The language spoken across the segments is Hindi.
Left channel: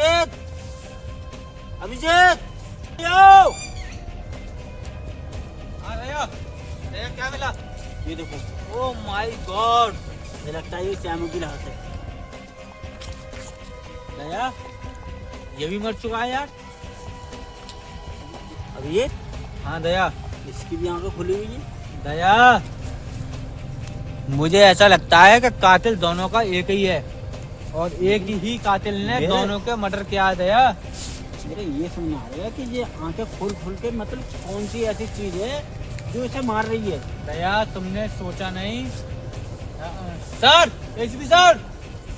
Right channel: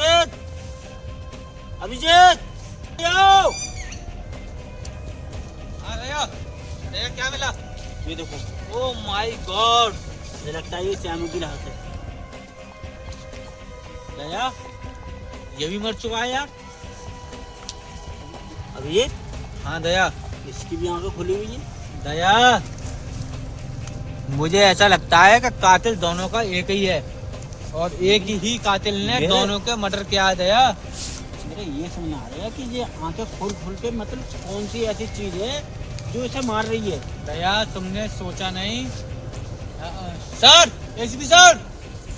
अभिजीत, अभिजीत, आओ। दया क्या मिला? ये देखो। ओह माय गॉड, मुझे लगता है ये श्यामू की लाश है। दया, ये भी मर चुका है यार। अभिजीत। हाँ दया। इसकी भी आंखें खुली हुई है। दया, मुझे ऐसा लगता है कि कातिल दोनों का एक ही है और एक ही कातिल ने दोनों के मर्डर किया है। दया, मेरे ये समझ आ रहा है कि ये आंखें खोल खोल के मतलब कौन सी ऐसी चीज है जो इसे मार रही है। दया तुमने सोचा नहीं? Sir, ACP sir,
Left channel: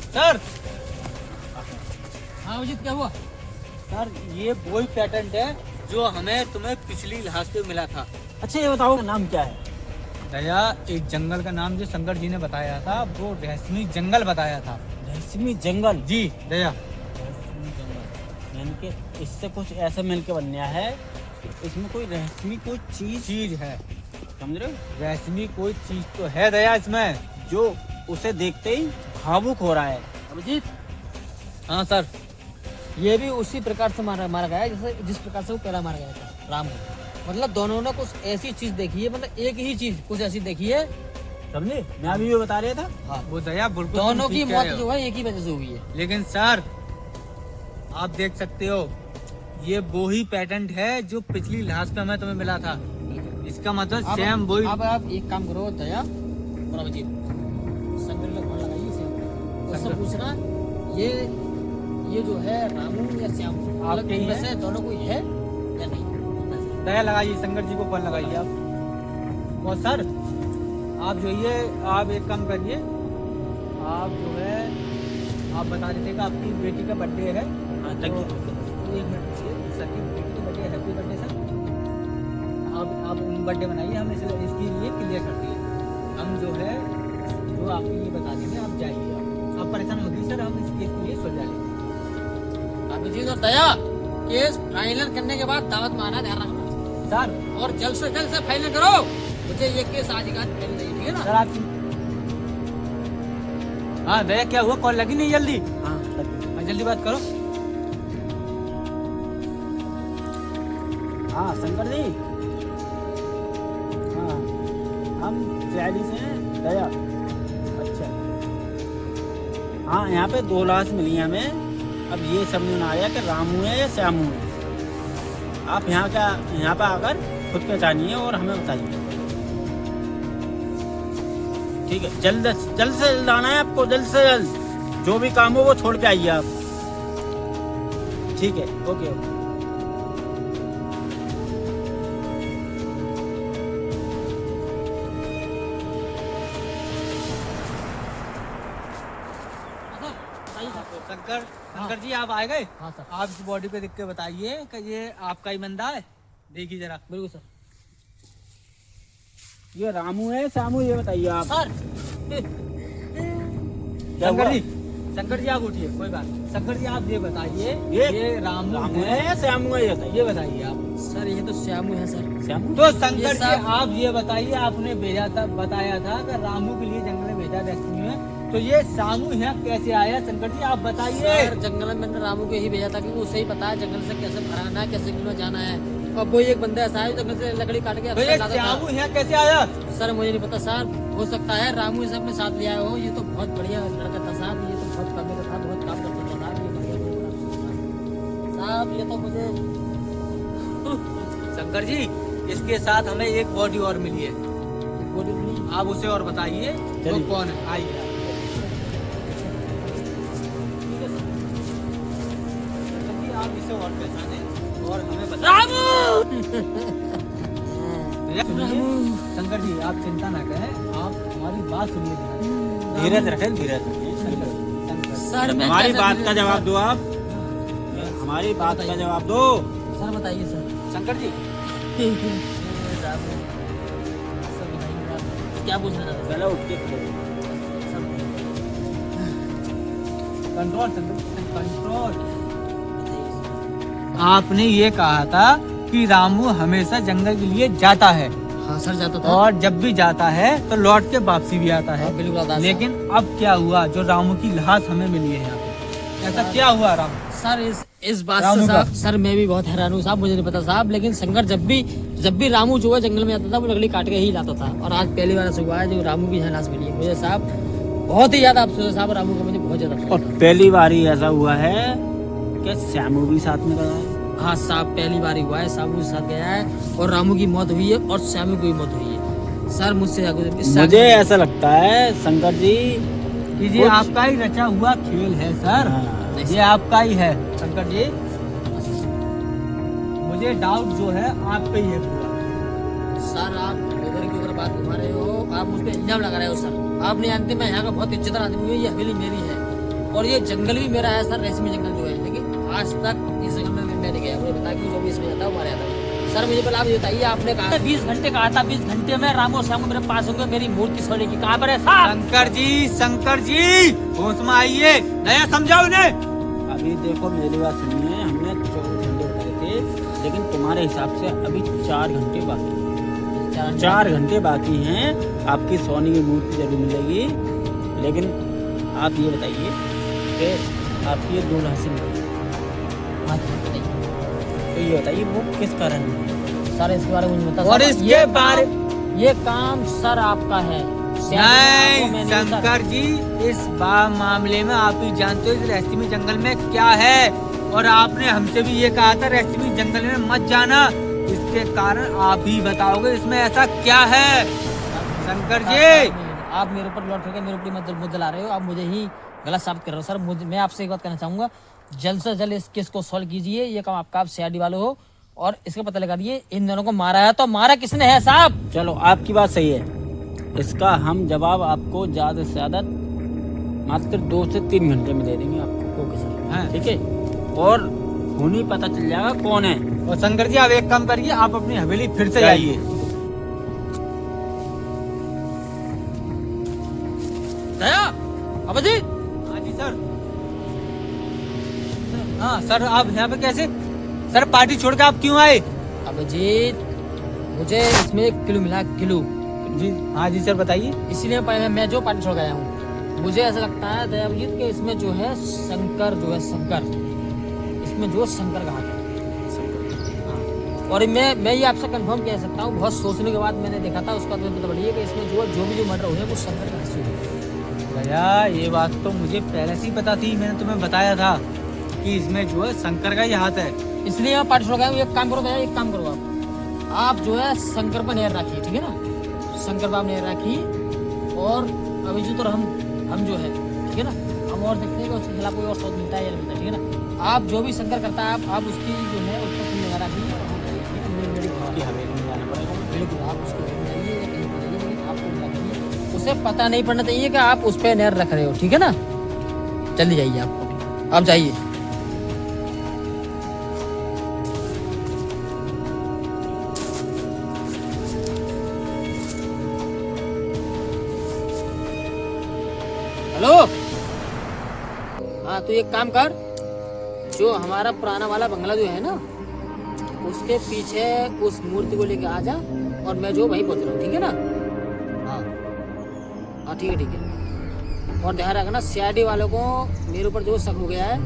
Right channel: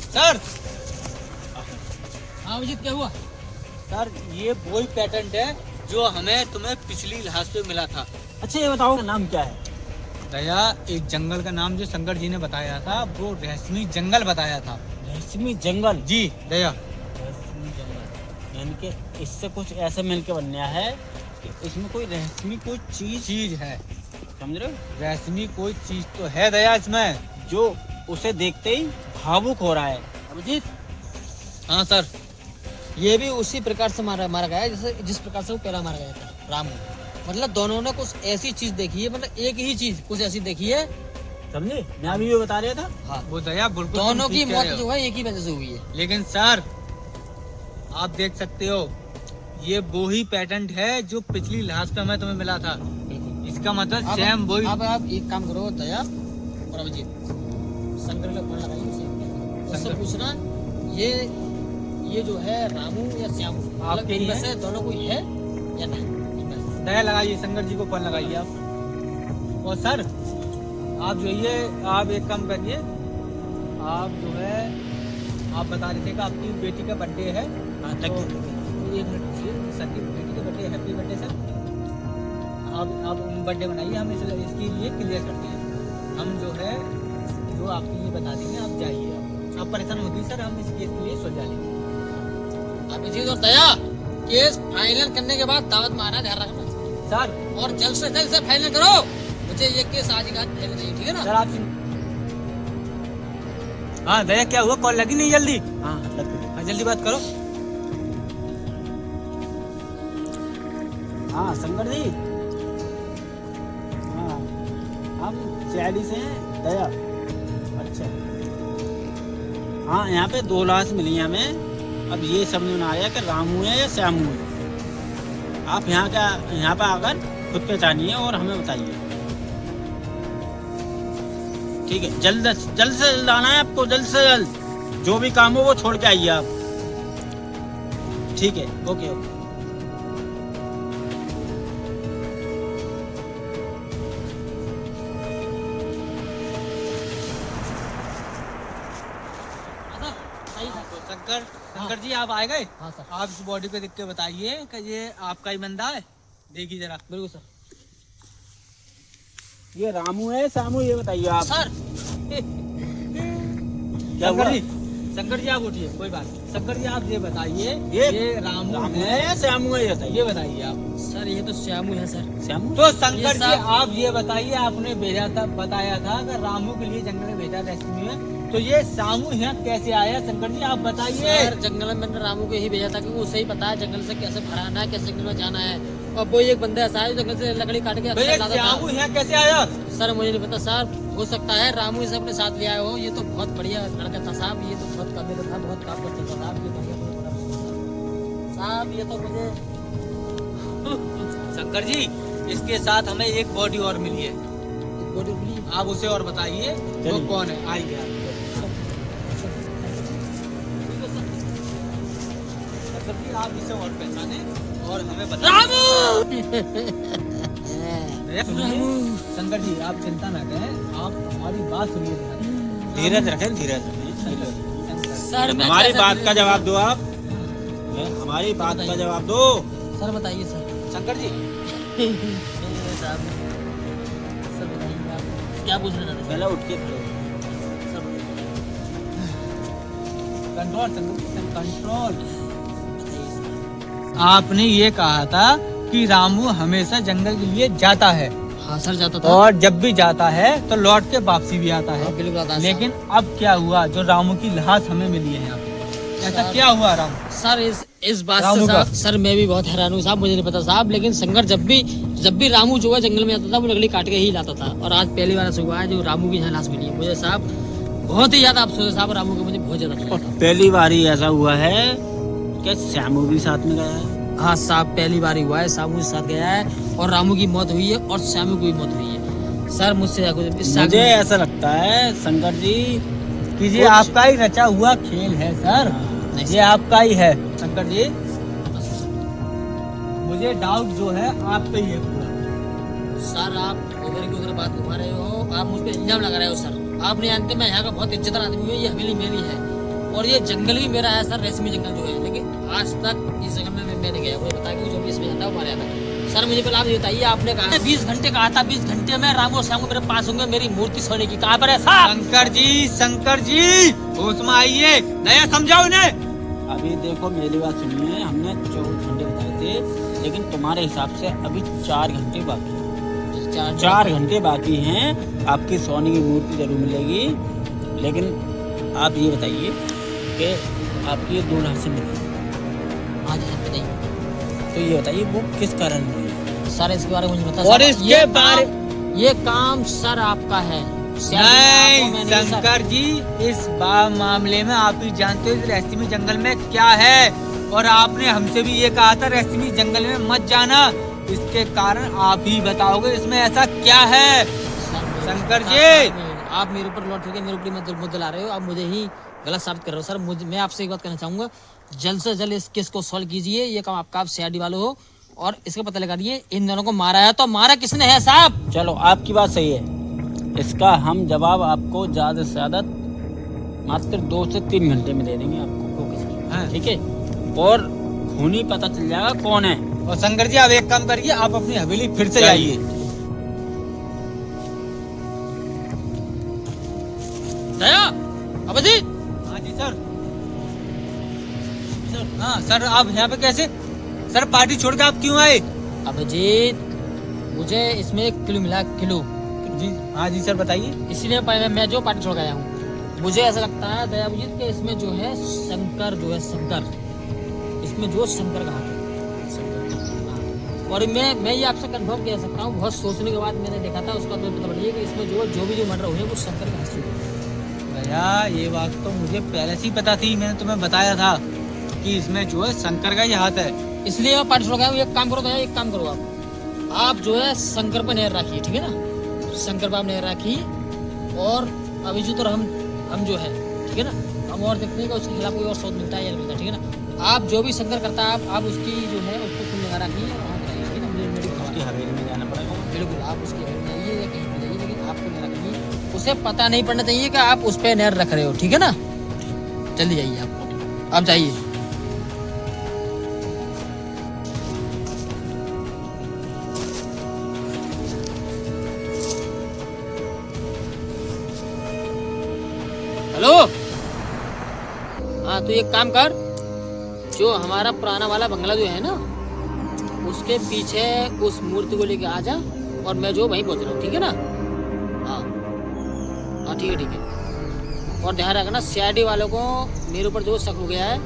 sir. हाँ अभिजीत, क्या हुआ? सर, ये वही पेटेंट है जो हमें तुम्हें पिछली लाश पे मिला था। अच्छा ये बताओ नाम क्या है? दया, एक जंगल का नाम जो शंकर जी ने बताया था वो रहस्यमय जंगल बताया था। रहस्यमय जंगल? जी दया। मिलके इससे कुछ ऐसा मिलके बनया है कि इसमें कोई रहस्यमय कोई चीज है, समझ रहे हो? रहस्यमय कोई चीज तो है दया इसमें, जो उसे देखते ही भावुक हो रहा है। अभिजीत। हाँ सर, ये भी उसी प्रकार से मारा गया है जैसे जिस प्रकार से वो पहला मारा गया था, राम को। मतलब दोनों ने कुछ ऐसी चीज देखी है, मतलब एक ही चीज कुछ ऐसी देखी है, समझे? मैं अभी ये बता रहा था। हाँ वो दया बिल्कुल दोनों की मौत जो है एक ही वजह से हुई है। लेकिन सर आप देख सकते हो ये वो ही पेटेंट है जो पिछली लाश पे हमें तुम्हें मिला था। इसका मतलब सेम वही। अब आप एक काम करो दया और अभिजीत, शंकर में फोन लगाइए, सेम उससे पूछना ये जो है रामू या श्यामू, आप इनमें से दोनों कोई है या नहीं? दया लगाइए, शंकर जी को फोन लगाइए आप। और सर आप जो ये आप एक काम करिए, आप जो है आप बता रहे थे कि आपकी बेटी का बर्थडे है। हाँ, तो एक मिनट सर की बेटी का बर्थडे, हैप्पी बर्थडे सर। आप बर्थडे बनाइए, हम इसके लिए क्लियर करते हैं। हम जो है जो आपकी ये बता देंगे, आप जाइए, आप परेशान होगी सर, हम इस केस के लिए सुलझा लेंगे। अभिजीत और दया, केस फाइनल करने के बाद दावत में आना, ध्यान रखना सर, और जल्द से फाइनल करो। मुझे ये केस आज का फाइनल चाहिए, ठीक है ना सर? आप हाँ दया, क्या हुआ? कॉल लगी नहीं जल्दी? हाँ लग गई। जल्दी बात करो। हाँ शंकर जी, हाँ हम सीआईडी से हैं दया। अच्छा हाँ, यहाँ पे 2 लाश मिली हैं हमें। अब ये समझ में आ रहा है कि रामू है या श्यामू है। आप यहाँ पे आकर खुद पहचानिए और हमें बताइए, ठीक है? जल्द से जल्द आना है आपको, जल्द से जल्द। जो भी काम हो वो छोड़ के आइए आप, ठीक है? Okay okay. शंकर जी आप आए गए? हाँ सर। आप इस बॉडी को देख के बताइए कि ये आपका ही बंदा है, देखिए जरा। बिल्कुल सर। ये रामू है श्यामू, ये बताइए आप सर। शंकर जी आप उठिए, कोई बात। शंकर जी आप ये बताइए, ये रामू है या श्यामू है? ये बताइए आप। सर ये तो श्यामू है सर। श्यामू? तो शंकर जी आप ये बताइए, आपने भेजा था, बताया था कि रामू के लिए जंगल में भेजा रेस्क्यू में, तो ये श्यामू यहाँ कैसे आया? शंकर जी आप बताइए। सर जंगल में मैंने रामू को यही भेजा था कि वो सही पता है जंगल से कैसे भराना है, कैसे जंगल में जाना है। और वो एक बंदा ऐसा है जंगल से लकड़ी काट के श्यामू यहाँ कैसे आया? सर मुझे नहीं पता सर, हो सकता है रामू इसे अपने साथ ले आए हो। ये तो बहुत बढ़िया लड़का था साहब, ये तो बहुत काम था, बहुत काम करता था साहब, ये साहब, ये तो मुझे। शंकर जी इसके साथ हमें एक बॉडी और मिली है। एक बॉडी मिली? आप उसे और बताइए वो कौन है। आइए आप इसे और पहचाने और हमें बताइए। शंकर जी आप चिंता ना करें, आप हमारी बात सुनिए ध्यान। धीरज रखें, धीरज सर हमारी बात का जवाब दो आप, हमारी बात का जवाब दो। सर बताइए सर। शंकर जी सर बताइए आप क्या पूछ रहे थे? पहले उठ के खड़े हो। Control control. आपने ये कहा था कि रामू हमेशा जंगल के लिए जाता है। हाँ सर जाता था, और जब भी जाता है तो लौट के वापसी भी आता है। बिल्कुल। लेकिन अब क्या हुआ, जो रामू की लाश हमें मिली है यहाँ पे, ऐसा क्या हुआ रामू? सर इस बात से साहब, सर मैं भी बहुत हैरान हूँ साहब, मुझे नहीं पता साहब, लेकिन शंकर जब भी रामू जो है जंगल में आता था वो लकड़ी काट के ही लाता था, और आज पहली बार ऐसा हुआ है जो रामू की लाश मिली है। मुझे साहब बहुत ही ज्यादा अफसोस है साहब, रामू के मुझे बहुत ज्यादा अफसोस है। पहली बार ही ऐसा हुआ है कि श्यामू भी साथ में गया है। हाँ साहब पहली बार ही हुआ है, श्यामू के साथ गया है और रामू की मौत हुई है और श्यामू की भी मौत हुई है। सर मुझसे मुझे ऐसा लगता है शंकर जी कि ये आपका ही रचा हुआ खेल है सर, ये आपका ही है शंकर जी। मुझे डाउट जो है आप पे ही है पूरा। सर आप उधर की उधर बात घुमा रहे हो, आप मुझ पे इल्जाम लगा रहे हो सर। आप नहीं जानते मैं यहाँ का बहुत इज्जतदार आदमी हूँ, ये हवेली मेरी है और ये जंगल भी मेरा है सर, रेशमी जंगल जो है, लेकिन आज तक इस जंगल में मैं नहीं गया। मुझे बता कि जो भी इसमें जाता है वो मारा जाता है। सर मुझे पहले आप ये बताइए, आपने कहा 20 घंटे कहा था, 20 घंटे में रामू और श्यामू मेरे पास होंगे, मेरी मूर्ति सोने की कहाँ पर है साहब? शंकर जी होश में आइए, नया समझाओ इन्हें। अभी देखो मेरी बात सुनिए, हमने 24 घंटे बताए थे, लेकिन तुम्हारे हिसाब से अभी 4 घंटे बाकी हैं। 4 घंटे बाकी हैं, आपकी सोने की मूर्ति जरूर मिलेगी। लेकिन आप ये बताइए कि आपकी ये 2 लाशें मिली, हाँ जी सर बताइए। तो ये बताइए वो किस कारण हुई? सर इसके बारे में मुझे बता। और इसके बारे ये काम सर आपका है नहीं शंकर जी, इस मामले में आप ही जानते हो इस रेशमी जंगल में क्या है, और आपने हमसे भी ये कहा था रेशमी जंगल में मत जाना, इसके कारण आप ही बताओगे इसमें ऐसा क्या है शंकर जी। आप मेरे ऊपर लौट करके मेरे ऊपर मुद्दा ला रहे हो, आप मुझे ही गलत साबित कर रहे हो सर। मैं आपसे एक बात कहना चाहूंगा, जल्द से जल्द इस केस को सॉल्व कीजिए, ये काम आपका, आप सीआईडी वाले हो, और इसका पता लगा दिए इन दोनों को मारा है तो मारा किसने है साहब। चलो आपकी बात सही है, इसका हम जवाब आपको ज्यादा से ज्यादा मात्र 2 से 3 घंटे में दे देंगे आपको, ठीक है? और खूनी पता चल जाएगा कौन है। और शंकर जी आप एक काम करिए, आप अपनी हवेली फिर से जाइए। दया अभिजीत। हाँ जी सर। हाँ सर आप यहाँ पे कैसे? सर पार्टी छोड़ के आप क्यों आए? अभिजीत मुझे इसमें 1 किलो मिला, किलो जी। हाँ जी सर बताइए। इसीलिए मैं जो पार्टी छोड़ गया हूँ, मुझे ऐसा लगता है दया अभिजीत के इसमें जो है शंकर जो है शंकर, इसमें जो शंकर का हाथ है हाँ। और मैं ये आपसे कंफर्म कह सकता हूँ, बहुत सोचने के बाद मैंने देखा था, उसका बाद मुझे पता पड़ी कि इसमें जो भी मर्डर हुए वो शंकर के हाथ से हुए। भैया ये बात तो मुझे पहले से ही पता थी, मैंने तुम्हें बताया था कि इसमें जो है शंकर का ही हाथ है, इसलिए मैं पार्टी छोड़ गया हूँ। एक काम करो भैया, एक काम करो आप जो है शंकर पर नजर रखिए, ठीक है ना? शंकर पर आप नजर रखिए, और अभिजीत और हम जो है, ठीक है ना, हम और देखते हैं कि उसके खिलाफ कोई और शोध मिलता है या नहीं मिलता, ठीक है ना? आप जो भी शंकर करता है आप उसकी जो है उसको खुद निगाह रखिए, और हम चाहिए, ठीक है ना? मेरी उसकी हवेली में जाना पड़ेगा। बिल्कुल आप उसकी हवेली में जाइए या कहीं पर जाइए, लेकिन आपको निगाह रखिए, उसे पता नहीं पड़ना चाहिए कि आप उस पर नजर रख रहे हो, ठीक है ना? जल्दी जाइए आप जाइए। हेलो हाँ तो एक काम कर, जो हमारा पुराना वाला बंगला जो है ना, उसके पीछे उस मूर्ति को लेके आ जा, और मैं जो वहीं पहुंच रहा हूँ, ठीक है ना? हाँ ठीक है। और ध्यान रखना सीआईडी वालों को मेरे ऊपर जो शक हो गया है,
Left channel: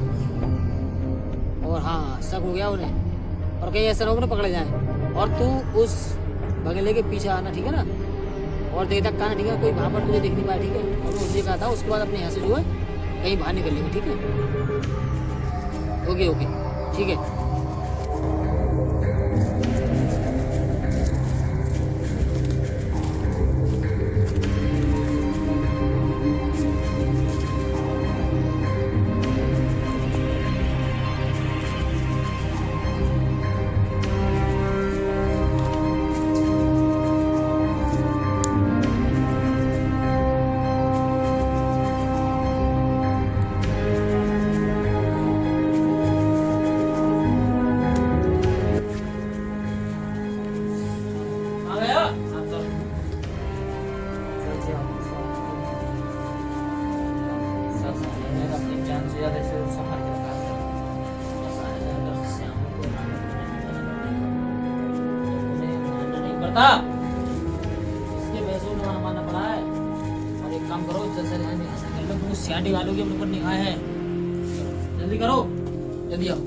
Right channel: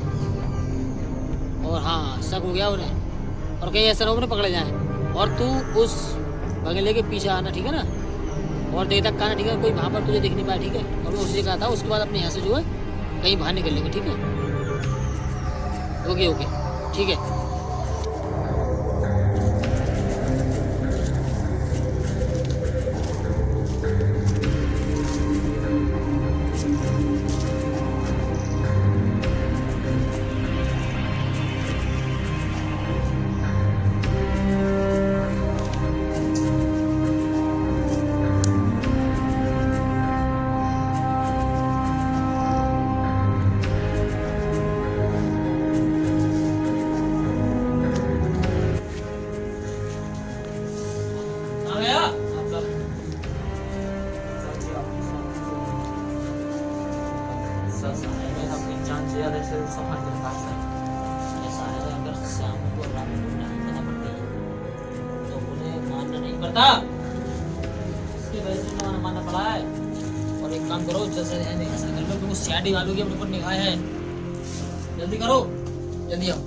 और हाँ शक हो गया उन्हें, और कहीं ऐसा ना उन्हें पकड़े जाए, और तू उस बंगले के पीछे आना, ठीक है ना? और देर तक आना, ठीक है? कोई वहाँ पर तुझे दिख नहीं पाया, ठीक है? और मैं उसी कहा था, उसके बाद अपने यहाँ से जो है कहीं बाहर निकल लेंगे, ठीक है? ओके ठीक है। इसके वजह से उन्हें मानना पड़ा है। और एक काम करो, जैसे ऐसा कर लो, क्योंकि सीआईडी वालों की अपने ऊपर निगाह है, जल्दी करो। जल्दी आओ।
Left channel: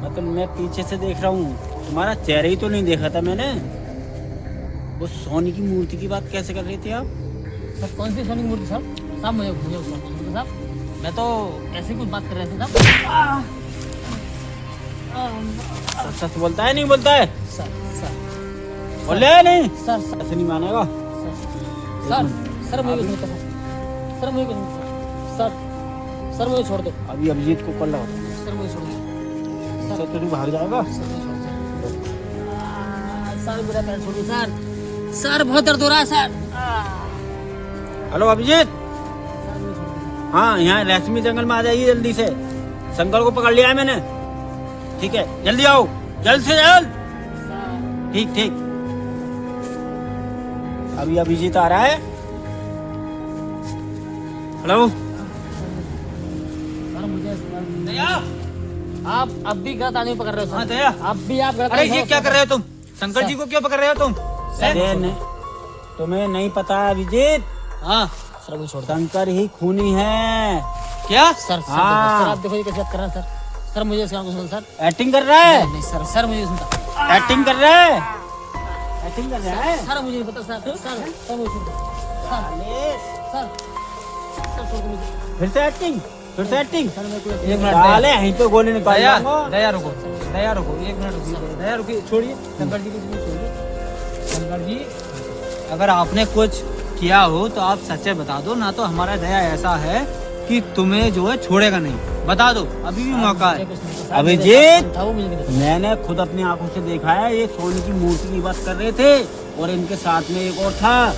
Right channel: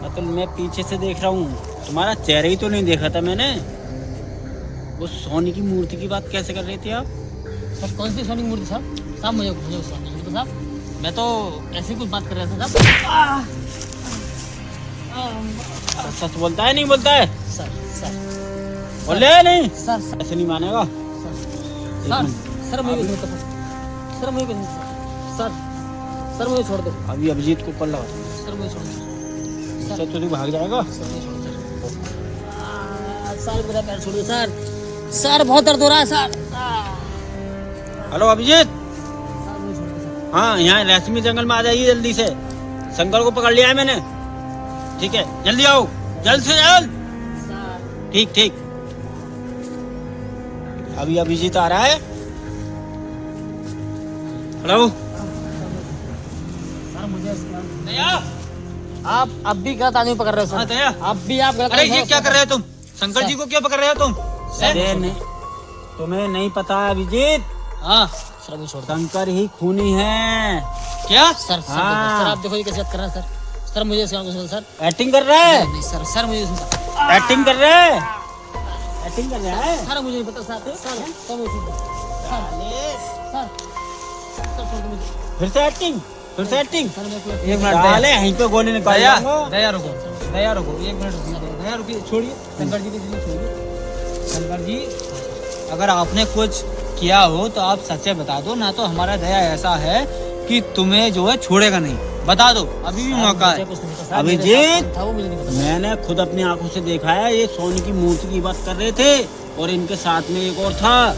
मतलब मैं पीछे से देख रहा हूँ, तुम्हारा चेहरा ही तो नहीं देखा था मैंने। वो सोने की मूर्ति की बात कैसे कर रहे थे आप? सर कौन सी सोनी की मूर्ति साहब? साहब मुझे उसका साहब, मैं तो ऐसे कुछ बात कर रहा था साहब। सच बोलता है नहीं बोलता है? सर सर बोले है नहीं? सर सर ऐसे नहीं मानेगा। सर सर मुझे नहीं पता सर, मुझे नहीं पता सर, सर मुझे छोड़ दो। अभी अभिजीत को कल लगा सर मुझे छोड़ दो सर, तो तू भाग जाएगा। सर, मुझे छोड़ दो सर, मेरा पैर छोड़िए सर, सर बहुत दर्द हो रहा है सर। हेलो अभिजीत, सर मुझे छोड़ दो सर। हाँ यहाँ रेशमी जंगल में आ जाइए जल्दी से। शंकर को पकड़ लिया है मैंने, ठीक है? जल्दी आओ, जल्द से जल्द। सर ठीक ठीक। अभी अभिजीत आ रहा है। हेलो सर मुझे दया। आप अब भी गलत आदमी पकड़ रहे हो हाँ सर। दया, अब भी आप गलत अरे आदमी ये क्या कर रहे हो तुम? शंकर जी को क्यों पकड़ रहे हो तुम? अरे नहीं, तुम्हें नहीं पता अभिजीत, हाँ सर मुझे छोड़ दो शंकर ही खूनी है। क्या? सर। सर हाँ। सर आप देखो ये कैसे बात कर रहा है सर। सर मुझे इसका कुछ सर। एक्टिंग कर रहा है, नहीं सर, सर मुझे इसका एक्टिंग कर रहा है, एक्टिंग कर रहा है। सर मुझे नहीं पता सर। सर सर मुझे छोड़ दो सर, सर छोड़ दो मुझे। फिर से एक्टिंग, फिर से एक्टिंग। सर मेरे को एक मिनट साले यहीं पे गोली निकाल दया, जाऊंगा। दया रुको, दया रुको, एक मिनट रुकिए, दया रुकिए, छोड़िए शंकर जी को, प्लीज छोड़िए। शंकर जी, अगर आपने कुछ किया हो तो आप सच्चे बता दो, ना तो हमारा दया ऐसा है कि तुम्हें जो है छोड़ेगा नहीं। बता दो, अभी भी मौका है। अभिजीत, था वो मुझे नहीं पता। मैंने खुद अपनी आंखों से देखा है, ये सोने की मूर्ति की बात कर रहे थे और इनके साथ में एक और था,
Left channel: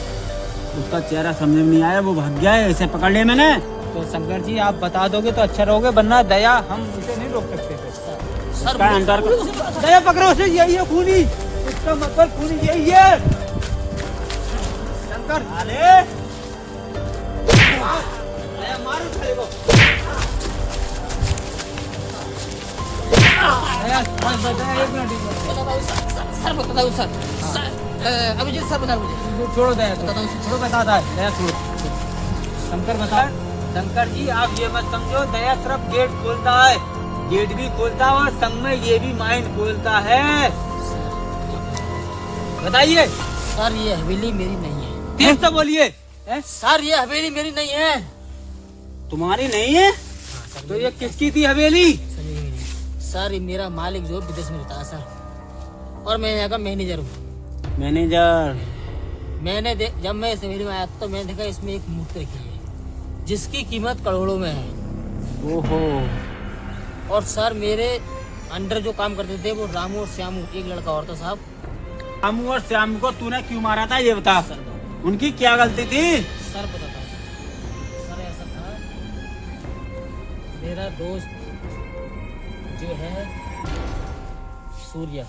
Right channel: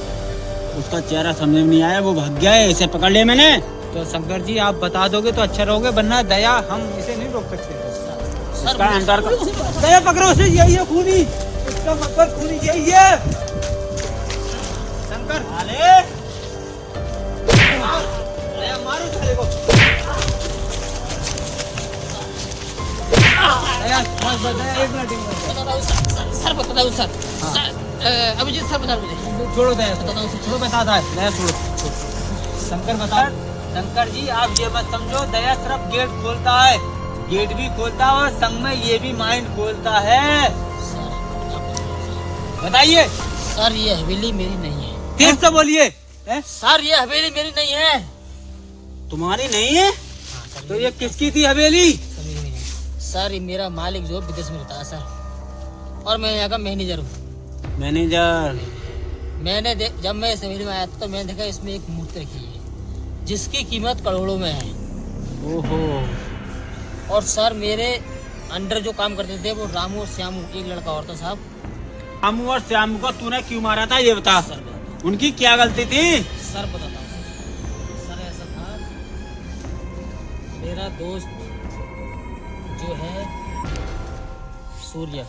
उसका चेहरा समझ में नहीं आया, वो भाग गया है, इसे पकड़ लिया मैंने। तो शंकर जी आप बता दोगे तो अच्छा रहोगे, वरना दया हम इसे नहीं रोक सकते। सर इसका अहंकार का दया पकड़ो से, यही है खूनी, इसका मतलब खूनी यही है। शंकर, अरे दया मारो साले को। दया, बस दया, एक मिनट। बताता हूँ सर, सर बताता हूँ सर। सर अभिजीत सर बता मुझे। छोड़ो दया, बताता हूँ सर। छोड़ो, बताता है दया, छोड़ो। शंकर बता। शंकर जी आप ये मत समझो, दया सिर्फ गेट खोलता है, गेट भी खोलता है और संग में ये भी माइंड खोलता है। बताइए। सर ये हवेली मेरी नहीं है। तेज से बोलिए। सर ये हवेली मेरी नहीं है। तुम्हारी नहीं है हाँ, सर तो ये किसकी थी हवेली? सर मेरी नहीं है। सर ये मेरा मालिक जो विदेश में रहता है सर, और मैं यहाँ का मैनेजर हूँ। मैनेजर। जब मैं इस हवेली में आया था तो मैंने देखा इसमें एक मूर्ति रखी है जिसकी कीमत करोड़ों में है। ओहो। और सर मेरे अंडर जो काम करते थे वो रामू और श्यामू, एक लड़का और था साहब। रामू और श्याम को तूने क्यों मारा था ये बता, सर उनकी क्या गलती थी? सर बताता हूँ सर, ऐसा था मेरा दोस्त जो है सूर्या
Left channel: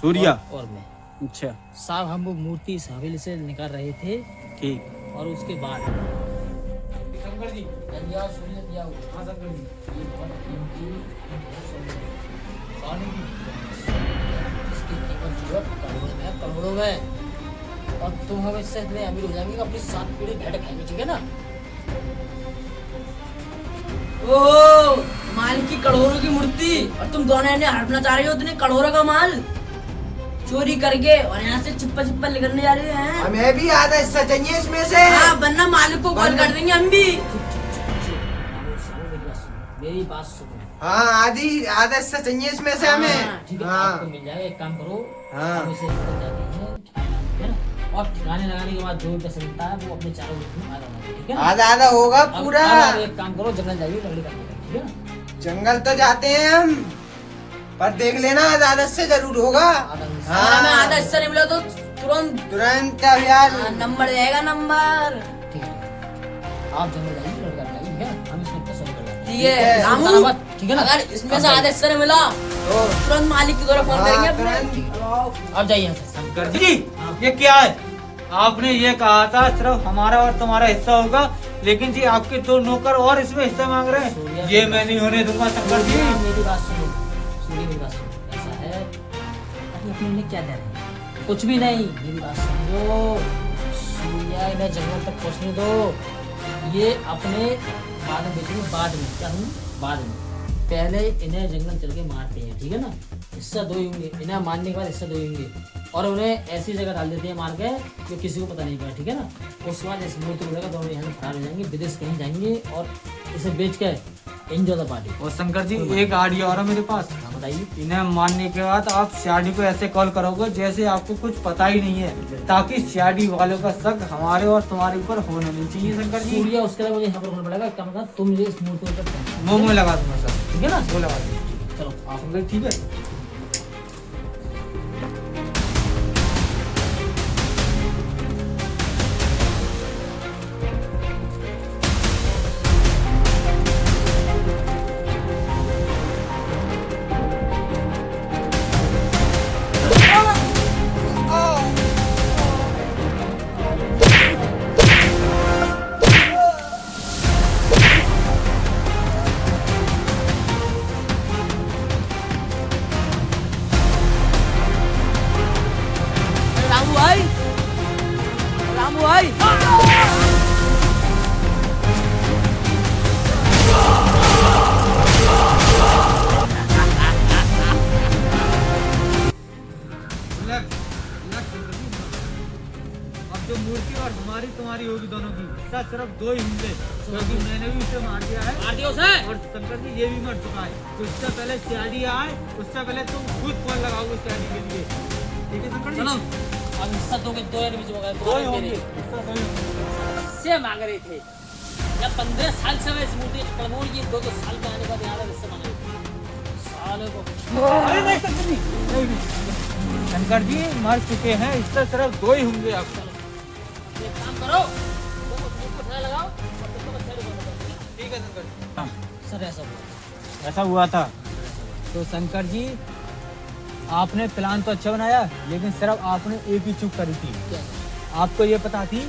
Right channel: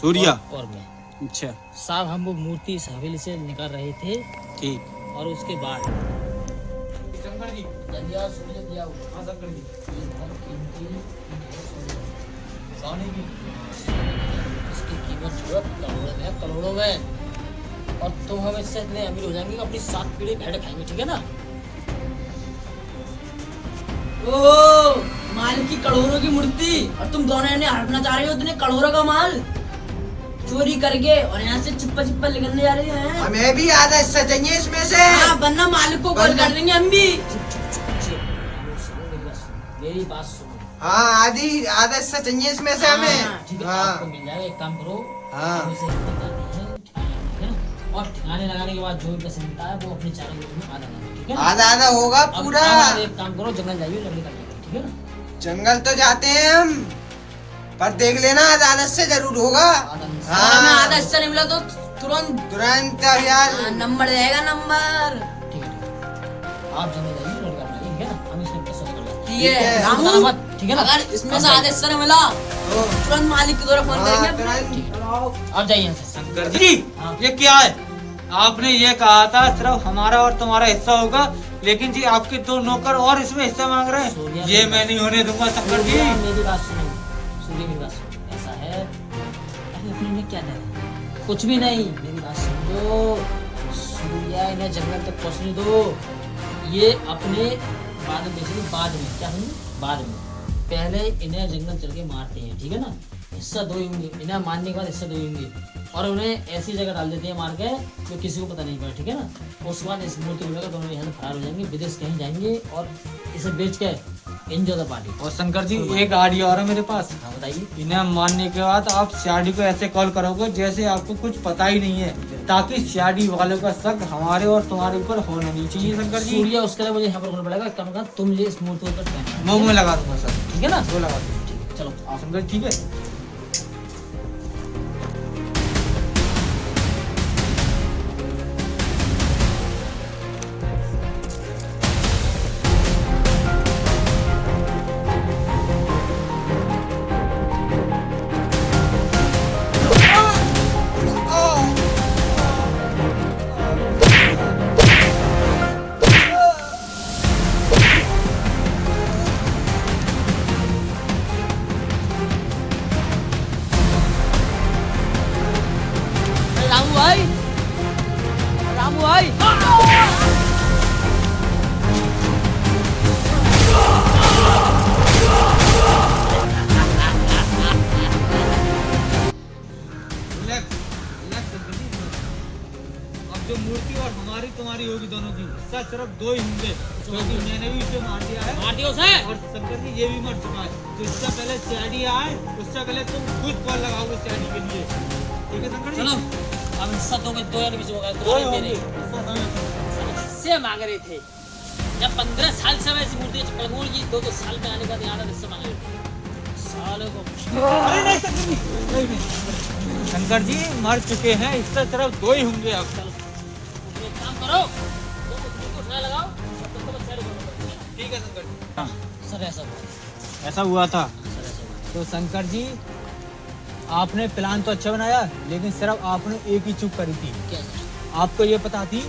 सूर्या। और मैं, अच्छा साहब हम वो मूर्ति इस हवेली से निकाल रहे थे ठीक। और उसके बाद शंकर जी, जल्दी आओ, सूर्य जल्दी आओ। हाँ शंकर जी, ये बहुत कीमती सोने की इसकी कीमत जो है करोड़ों में है, करोड़ों में। और तुम हमें इससे इतने अमीर हो जाएंगे कि अपनी 7 पीढ़ी भेड़ खाएंगे, ठीक है ना? ओहो, माल की करोड़ों की मूर्ति और तुम दोनों इन्हें हड़पना चाह रहे हो, इतने करोड़ों का माल चोरी करके और यहाँ से चिप्पा चिप्पा निकलने जा रहे हैं। हमें भी आधा हिस्सा चाहिए इसमें से। हाँ, वरना मालिक को कॉल कर देंगे हम भी। मेरी बात सुनो। हाँ, आधा हिस्सा चाहिए इसमें से हमें। ठीक है, हाँ। आपको मिल जाएगा। एक काम करो, हाँ। हम इसे निकल जाते हैं ठिकाने, ठीक है ना? और ठिकाने लगाने के बाद जो भी पैसे मिलता है वो अपने चारों ग्रुप में आधा आधा, ठीक है ना? आधा आधा होगा अब पूरा। एक काम करो, जंगल जाइए, लकड़ी काटने का, ठीक है ना? जंगल तो जाते हैं हम, पर देख लेना आधा से जरूर होगा। आधा हिस्सा। अगर हमें आधा हिस्सा नहीं मिला तो तुरंत तुरंत अब यार। नंबर जाएगा, नंबर। ठीक है, ठीक है। आप जंगल जाइए, लड़का जाइए, ठीक है ना? हम इसके ऊपर सही कर लेंगे। ठीक है है। इसको बताना मत, ठीक है ना? अगर इसमें से आदेश सर मिला तो तुरंत मालिक की तरफ फोन करेंगे अपने। आप जाइए यहाँ से। शंकर जी ये क्या है? आपने ये कहा था सिर्फ हमारा और तुम्हारा हिस्सा होगा, लेकिन जी आपके दो नौकर और इसमें हिस्सा मांग रहे हैं। ये मैं नहीं होने दूंगा शंकर जी। सूर्या, मेरी बात सुनो, सूर्य मेरी बात सुनो। ऐसा है, अरे अपने में क्या डर है? कुछ भी नहीं, मेरी बात समझो। सूर्या इन्हें जंगल तक पहुंचने दो, ये अपने बाद में बेचेंगे, बाद में क्या होंगे, बाद में। पहले इन्हें जंगल चल के मारते हैं, ठीक है ना? हिस्सा दो ही होंगे, इन्हें मारने के बाद हिस्सा दो ही होंगे, और उन्हें ऐसी जगह डाल देते हैं मार के जो किसी को पता नहीं पड़ा, ठीक है ना? उसके बाद इस मूर्ति को लेकर दोनों यहाँ से फरार हो जाएंगे, विदेश कहीं जाएंगे और इसे बेच के एंजॉय द पार्टी। और शंकर जी एक आइडिया और है मेरे पास। हाँ बताइए। इन्हें मारने के बाद आप सीआरडी को ऐसे कॉल करोगे जैसे आपको कुछ पता ही नहीं है, ताकि सीआरडी वालों का शक हमारे और तुम्हारे ऊपर होना नहीं चाहिए। शंकर जी सूर्या, उसके लिए मुझे यहाँ पर करना पड़ेगा, कम कम तुम ये इस मूर्ति को ऊपर मुंह में लगा दूंगा सर, ठीक है ना? वो लगा दूंगा। चलो आप शंकर जी, ठीक है। रामू भाई, रामू भाई। Relax, relax Shankar ji. अब जो मूर्ति और हमारी तुम्हारी होगी दोनों की, हिस्सा सिर्फ दो ही होंगे, क्योंकि मैंने भी इसे मार दिया है मार दियो उसे। और शंकर जी ये भी मर चुका है। तो इससे पहले सीआरडी आए, उससे पहले तुम खुद कॉल लगाओगे सीआरडी के लिए, ठीक है शंकर जी? चलो, अब हिस्सा दो में दो या नहीं होगा, दो ही होंगे, हिस्सा दो ही होंगे। हिस्से मांग रहे थे। जब 15 साल से मैं इस मूर्ति के चक्कर में हूँ, ये 2-2 साल में आने के बाद यहाँ पर हिस्सा मांग रहे थे। सालों को अरे नहीं शंकर जी, नहीं। शंकर जी मर चुके हैं, इससे सिर्फ दो ही होंगे अब। एक काम करो, तुम उस मूर्ति को उठाया लगाओ और तुम तो बस साइड करो, ठीक है शंकर जी। सर ऐसा हुआ, ऐसा हुआ था। सर ऐसा हुआ। तो शंकर जी आपने प्लान तो अच्छा बनाया, लेकिन सिर्फ आपने एक ही चूक करी थी। क्या सर? आपको ये पता थी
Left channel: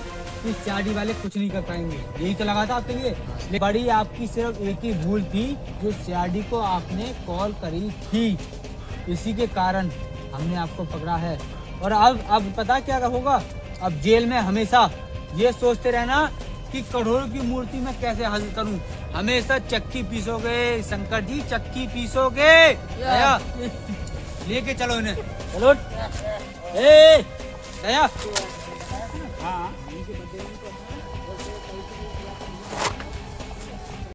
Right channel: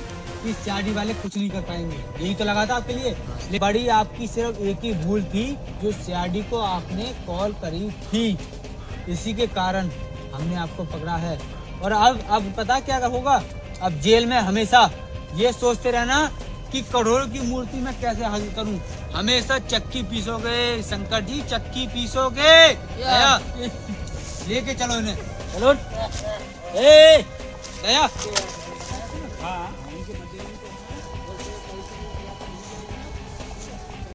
कि सीआरडी वाले कुछ नहीं कर पाएंगे, यही तो लगा था आपके लिए। लेकिन बड़ी आपकी सिर्फ एक ही भूल थी, जो सीआरडी को आपने कॉल करी थी, इसी के कारण हमने आपको पकड़ा है। और अब पता क्या होगा? अब जेल में हमेशा ये सोचते रहना कि करोड़ों की मूर्ति मैं कैसे हासिल करूं। हमेशा चक्की पीसोगे शंकर जी, चक्की पीसोगे। दया, लेके चलो इन्हें, चलो। ए दया, हाँ